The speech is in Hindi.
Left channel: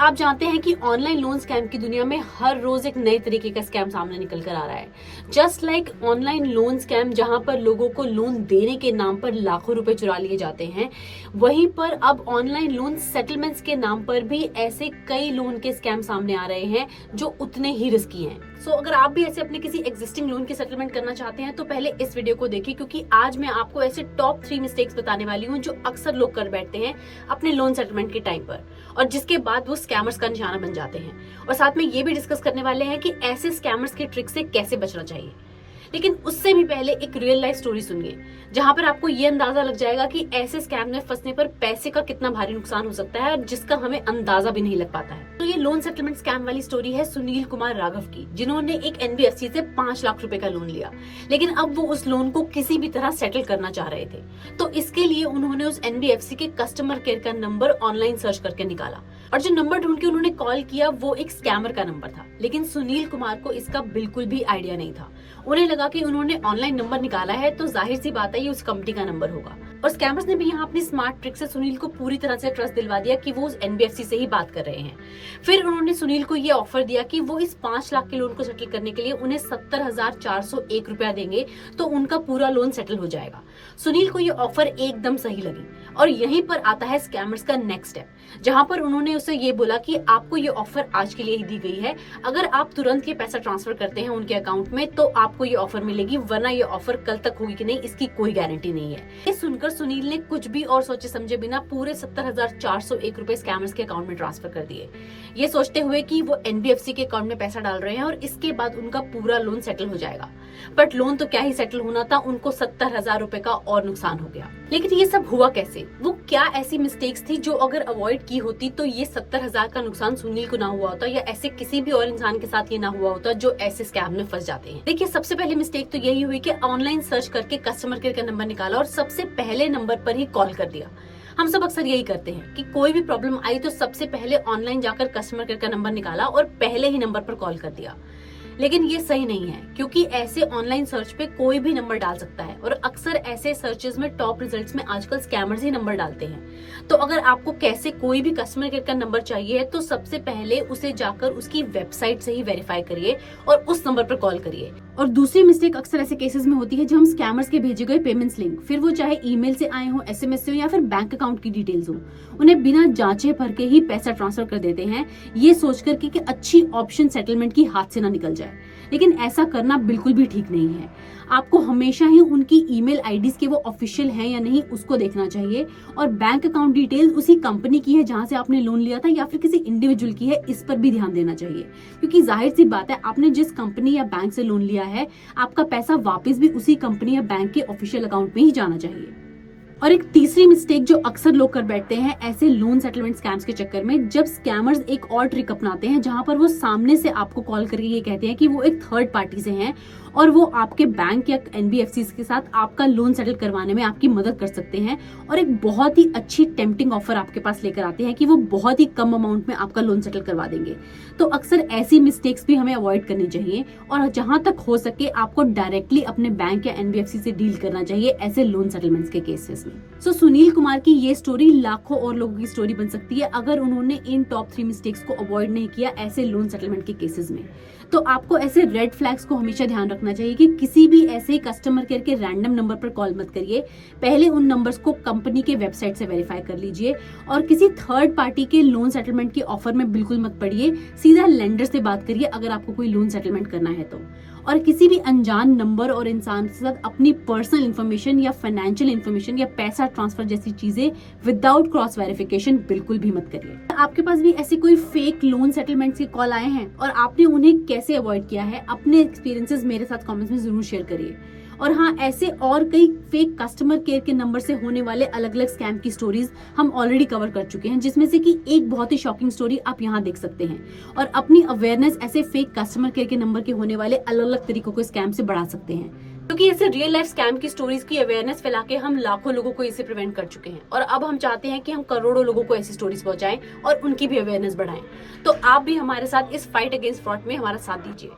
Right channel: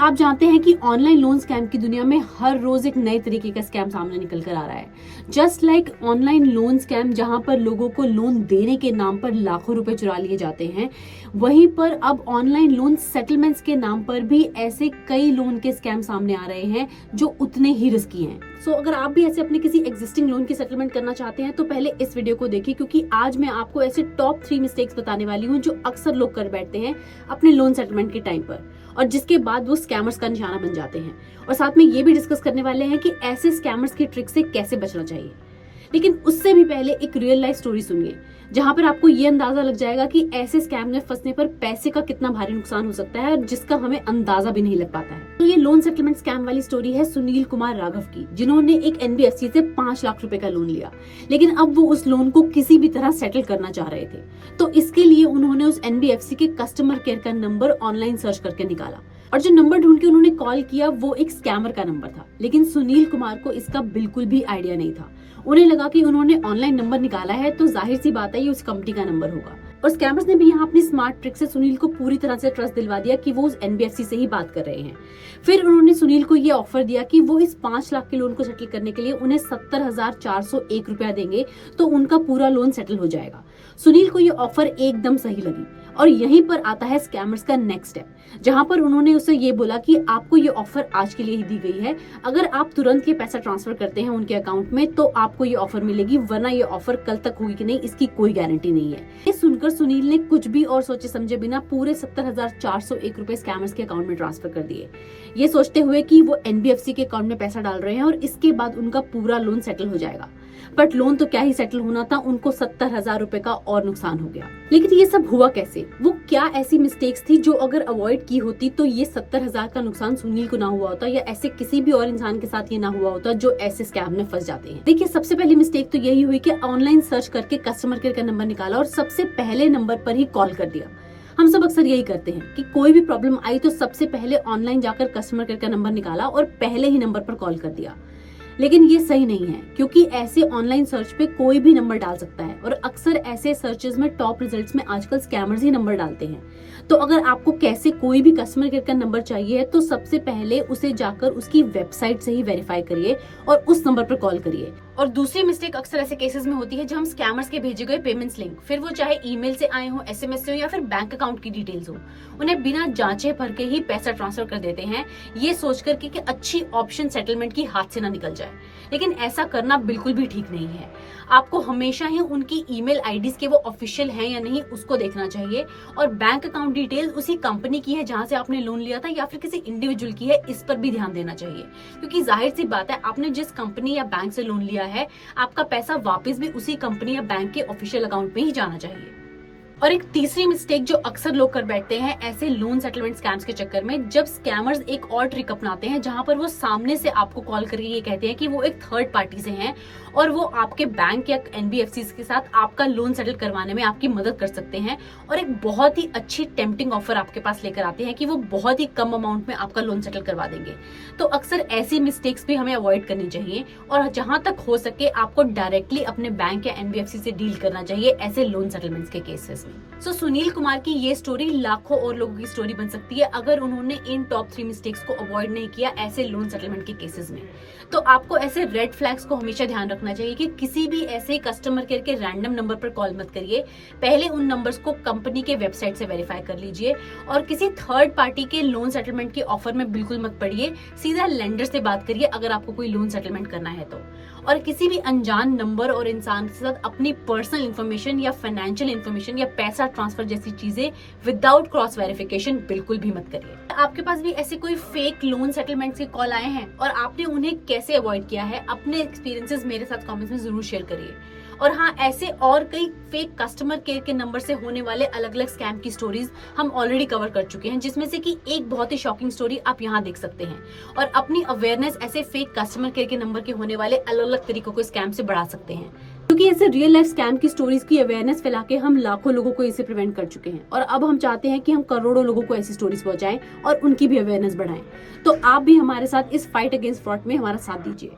आप जानते हैं कि ऑनलाइन लोन स्कैम की दुनिया में हर रोज एक नए तरीके का स्कैम सामने निकल कर आ रहा है। Just like online loan scam जहां पर लोगों को लोन देने के नाम पर लाखों रुपए चुरा लिए जाते हैं, वहीं पर अब ऑनलाइन लोन सेटलमेंट्स के नाम पर भी ऐसे कई लोन के स्कैम सामने आ रहे हैं जो उतने ही रिस्की हैं। सो अगर आप भी ऐसे अपने किसी एग्जिस्टिंग लोन की सेटलमेंट करना चाहते हैं तो पहले इस वीडियो को देखिए, क्योंकि आज मैं आपको ऐसे टॉप 3 मिस्टेक्स बताने वाली हूँ जो अक्सर लोग कर बैठते हैं अपने लोन सेटलमेंट के टाइम पर, और जिसके बाद वो स्कैमर्स का निशाना बन जाते हैं। और साथ में ये भी डिस्कस करने वाले हैं कि ऐसे स्कैमर्स की ट्रिक से कैसे बचना चाहिए। लेकिन उससे भी पहले एक रियल लाइफ स्टोरी सुनिए, जहां पर आपको ये अंदाजा लग जाएगा कि ऐसे स्कैम में फंसने पर पैसे का कितना भारी नुकसान हो सकता है, जिसका हमें अंदाजा भी नहीं लग पाता है। तो ये लोन सेटलमेंट स्कैम वाली स्टोरी है सुनील कुमार राघव की, जिन्होंने एक एनबीएफसी से 5 लाख रुपए का लोन लिया, लेकिन अब वो उस लोन को किसी भी तरह सेटल करना चाह रहे थे। तो इसके लिए उन्होंने उस एनबीएफसी के कस्टमर केयर का नंबर ऑनलाइन सर्च करके निकाला, और जो नंबर ढूंढ के उन्होंने कॉल किया वो एक स्कैमर का नंबर था। लेकिन सुनील कुमार को इसका बिल्कुल भी आइडिया नहीं था। उन्हें लगा कि उन्होंने ऑनलाइन नंबर निकाला है तो जाहिर सी बात है ये उस कंपनी का नंबर होगा। और स्कैमर्स ने भी यहाँ अपनी स्मार्ट ट्रिक से सुनील को पूरी तरह से ट्रस्ट दिलवा दिया कि वो उस एनबीएफसी से ही बात कर रहे हैं। फिर उन्होंने सुनील को ये ऑफर दिया कि वो इस 5 लाख के लोन को सेटल करने के लिए उन्हें 70,401 रुपया देंगे तो उनका पूरा लोन सेटल हो जाएगा। सुनील को ये ऑफर एकदम सही लगी, और यहीं पर आता है स्कैमर्स का नेक्स्ट स्टेप, जहां पर उन्होंने उसे ये बोला कि आपको ये ऑफर आज के लिए ही दी गई है, अगर आप तुरंत ये पैसा ट्रांसफर करते हैं उनके अकाउंट में तो आपको ये ऑफर मिलेगी, वरना ये ऑफर कल तक होगी कि नहीं इसकी कोई गारंटी नहीं है। ये सुनकर सुनील ने कुछ भी और सोचे समझे बिना पूरे 70,401 रुपए स्कैमर्स के अकाउंट में ट्रांसफर कर दिए, ये सोचते हुए कि वो एनबीएफसी के अकाउंट में पैसा डाल रहे हैं और इसके बाद उनका पूरा लोन सेटल हो जाएगा। बट लोन तो क्या ही सेटल होना था, उनको 70,000 रुपए का और नुकसान हो गया। लेकिन ये सब हुआ कैसे? वो क्या ऐसी मिस्टेक्स थी जो अगर अवॉइड की होती तो ये 70,000 का नुकसान सुनील को ना हुआ होता, या ऐसे किसी भी और इंसान के साथ ये ना हुआ होता जो ऐसे स्कैम में फंस जाते हैं। देखिए, सबसे पहली मिस्टेक तो यही हुई कि ऑनलाइन सर्च करके कस्टमर केयर का नंबर निकाला और सबसे पहले नंबर पर ही कॉल कर दिया। हम सब अक्सर यही करते हैं कि कोई भी प्रॉब्लम आई तो सबसे पहले ऑनलाइन जाकर कस्टमर केयर का नंबर निकाला और पहले ही नंबर पर कॉल कर दिया। लेकिन ये सही नहीं है, क्योंकि ऐसे ऑनलाइन सर्च पे कोई भी नंबर डाल सकता है, और अक्सर ऐसे सर्चेस में टॉप रिजल्ट्स में आजकल स्कैमर्स ही नंबर डालते हैं। तो अगर आपको कैसे कोई भी कस्टमर केयर का नंबर चाहिए है तो सबसे पहले उसे जाकर उसकी वेबसाइट से ही वेरीफाई करिए और उस नंबर पर कॉल करिए। और दूसरी मिस्टेक अक्सर ऐसे केसेस में होती है जब हम स्कैमर्स के भेजे गए पेमेंट्स लिंक, फिर वो चाहे ईमेल से आए हो, एसएमएस से हो, या फिर बैंक अकाउंट की डिटेल्स हो, उन्हें बिना जांचे भर के ही पैसा ट्रांसफर कर देते हैं, ये सोच करके कि अच्छी ऑप्शन सेटलमेंट की हाथ से ना निकल जाए। लेकिन ऐसा करना बिल्कुल भी ठीक नहीं है। आपको हमेशा ही उनकी ईमेल आईडीज के वो ऑफिशियल हैं या नहीं उसको देखना चाहिए, और बैंक अकाउंट डिटेल उसी कंपनी की है जहां से आपने लोन लिया था या फिर किसी इंडिविजुअल की है, इस पर भी ध्यान देना चाहिए। क्योंकि जाहिर सी बात है, आपने जिस कंपनी या बैंक से लोन लिया है आपका पैसा वापस भी उसी कंपनी या बैंक के ऑफिशियल अकाउंट में ही जाना चाहिए। और एक तीसरी मिस्टेक जो अक्सर लोग कर बैठते हैं ऐसे लोन सेटलमेंट स्कैम्स के चक्कर में, जब स्कैमर्स एक और ट्रिक अपनाते हैं जहां पर वो सामने से आपको कॉल करके ये कहते हैं कि वो एक थर्ड पार्टी से हैं और वो आपके बैंक या एनबीएफसी के साथ आपका लोन सेटल करवाने में आपकी मदद कर सकते हैं, और एक बहुत ही अच्छी टेम्पटिंग ऑफर आपके पास लेकर आते हैं कि वो बहुत ही कम अमाउंट में आपका लोन सेटल करवा देंगे। तो अक्सर ऐसी मिस्टेक्स भी हमें अवॉइड करनी चाहिए, और जहां तक हो सके आपको डायरेक्टली अपने बैंक या एनबीएफसी से डील करना चाहिए ऐसे लोन सेटलमेंट्स के केसेस में। सो सुनील कुमार की ये स्टोरी लाखों और लोगों की स्टोरी बन सकती है अगर उन्होंने इन टॉप 3 मिस्टेक्स को अवॉइड नहीं किया ऐसे लोन सेटलमेंट के केसेस में। तो आपको ऐसे रेड फ्लैग्स को हमेशा ध्यान रखना चाहिए कि किसी भी ऐसे कस्टमर केयर के रैंडम नंबर पर कॉल मत करिए। पहले उन नंबर्स को कंपनी के वेबसाइट से वेरीफाई कर लीजिए, और किसी थर्ड पार्टी के लोन सेटलमेंट के ऑफर में बिल्कुल मत पड़िए। सीधा लेंडर से बात करिए अगर आपको कोई लोन सेटलमेंट करना है तो। और किसी भी अनजान नंबर और इंसान के साथ अपनी पर्सनल इन्फॉर्मेशन या फाइनेंशियल इन्फॉर्मेशन या पैसा ट्रांसफर जैसी चीजें विदाउट क्रॉस वेरिफिकेशन बिल्कुल भी मत करिए। आपके पास भी ऐसे कोई फेक लोन सेटलमेंट्स के कॉल आए हैं और आपने उन्हें कैसे अवॉइड किया है, अपने एक्सपीरियंसेस मेरे साथ कमेंट्स में जरूर शेयर करिए। और हाँ, ऐसे और कई फेक कस्टमर केयर के नंबर से होने वाले अलग अलग स्कैम की स्टोरीज हम ऑलरेडी कवर कर चुके हैं, जिसमें से कि एक बहुत ही शॉकिंग स्टोरी आप यहाँ देख सकते हैं, और अपनी अवेयरनेस ऐसे फेक कस्टमर केयर के नंबर के होने वाले अलग अलग तरीकों को स्कैम से बढ़ा सकते हैं। क्योंकि ऐसे रियल लाइफ स्कैम की स्टोरीज की अवेयरनेस फैला के हम लाखों लोगों को इसे प्रिवेंट कर चुके हैं, और अब हम चाहते हैं कि हम करोड़ों लोगों को ऐसी स्टोरीज पहुंचाएं और उनकी भी अवेयरनेस बढ़ाएं। तो आप भी हमारे साथ इस फाइट अगेंस्ट फ्रॉड में हमारा साथ दीजिए।